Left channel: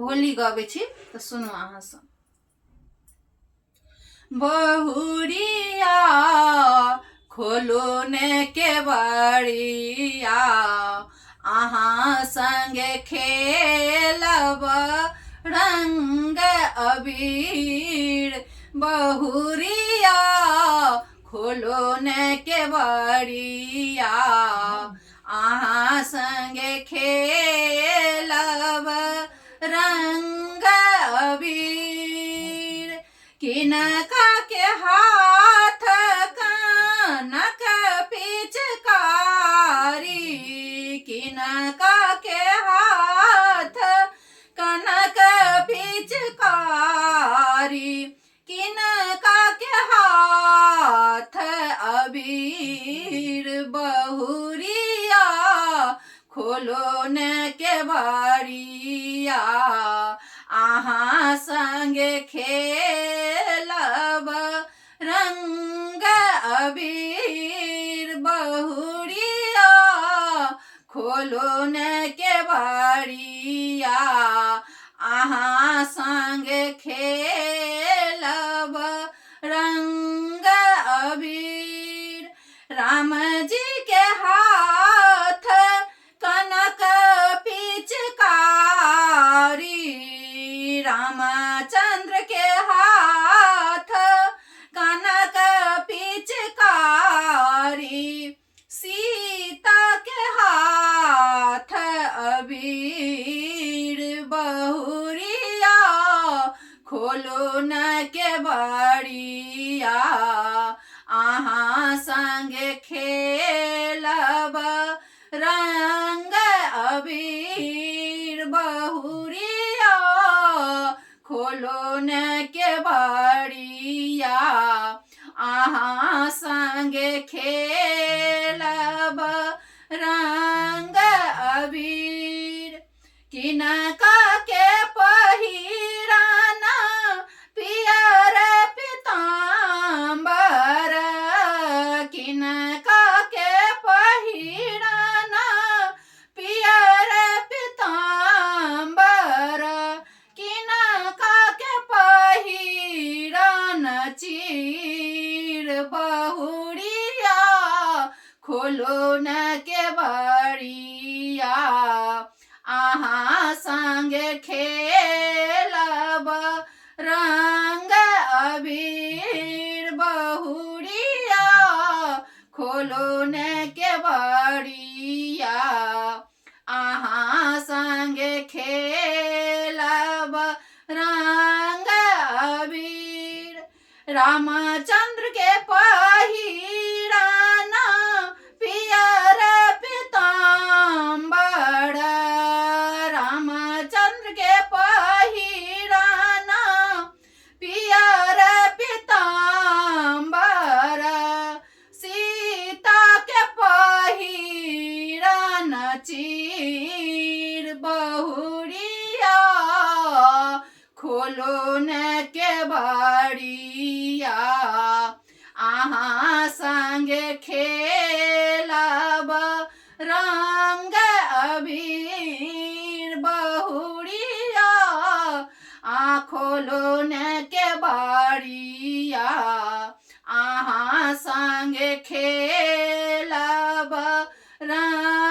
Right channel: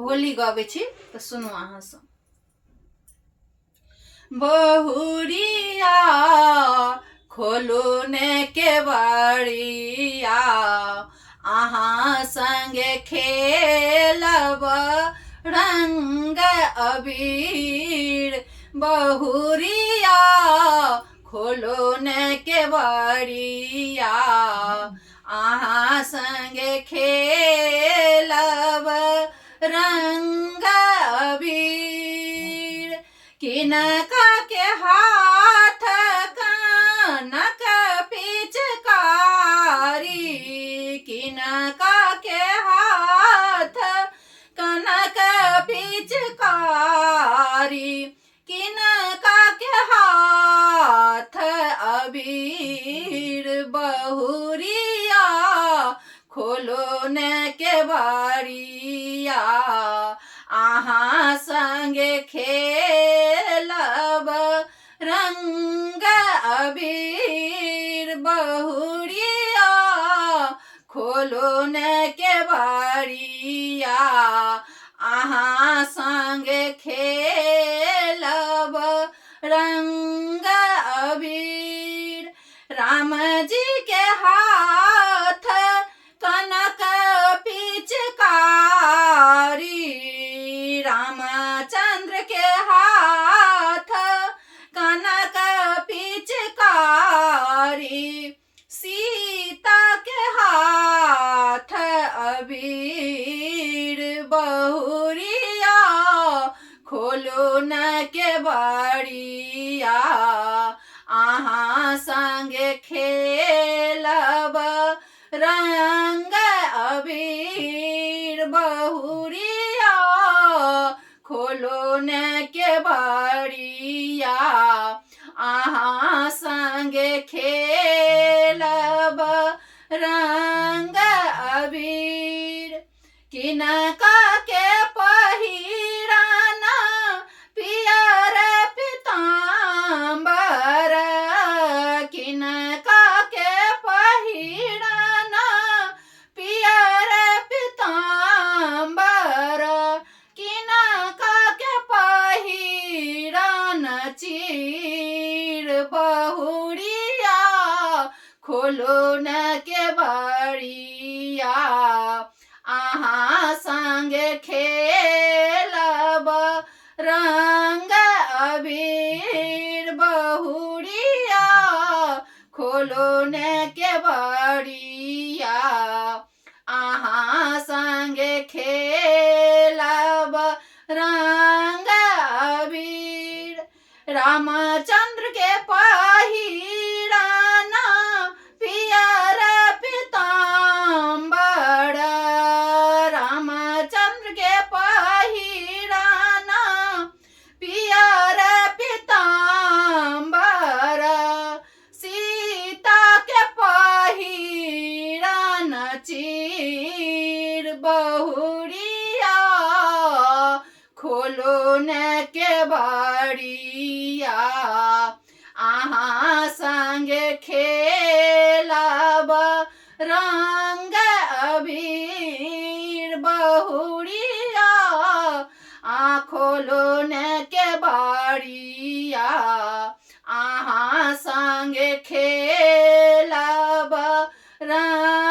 होली गाबै छी तऽ सुनू अहाँ सब। बहुरिया खोलू ने केवड़िया, अहाँ संगे खेलब रंग अबीर। बहुरिया खोलो ने केवड़िया, अहाँ संगे खेलब रंग अबीर। किनका के हाथ कनक पिचकारी, किनका के हाथ कनक पिचकारी, किनका के हाथ अबीर। बहुरिया खोलो ने केवड़िया, अहाँ संगे खेलब रंग अबीर। बहुरिया खोलो ने केवड़िया, अहाँ संगे खेलब रंग अबीर। राम जी के हाथ कनक पिचकारी, रामचंद्र के हाथ कनक पिचकारी, सीता के हाथ अबीर। बहुरिया खोलो न केवड़िया, अहाँ संगे खेलब रंग अबीर। बहुरिया खोलो न केवड़िया, अहाँ संगे खेलब रंग अबीर। किनका के पहिरन पियर पीताम्बर, किनका के पहिरन पियर पीताम्बर, किनका के पहिरन चीर। बहुरिया खोलो न केवड़िया, अहाँ संगे खेलब रंग अबीर। बहुरिया खोलो न केवड़िया, अहाँ संगे खेलब रंग अबीर। रामचंद्र के पहिरन पियर पीताम्बर, रामचंद्र के पहिरन पियर पीताम्बर, सीता के पहिरन चीर। बहुरिया खोलो न केवड़िया, अहाँ संगे खेलब रंग अबीर। बहुरिया खोलो न केवड़िया, अहाँ संगे खेलब रंग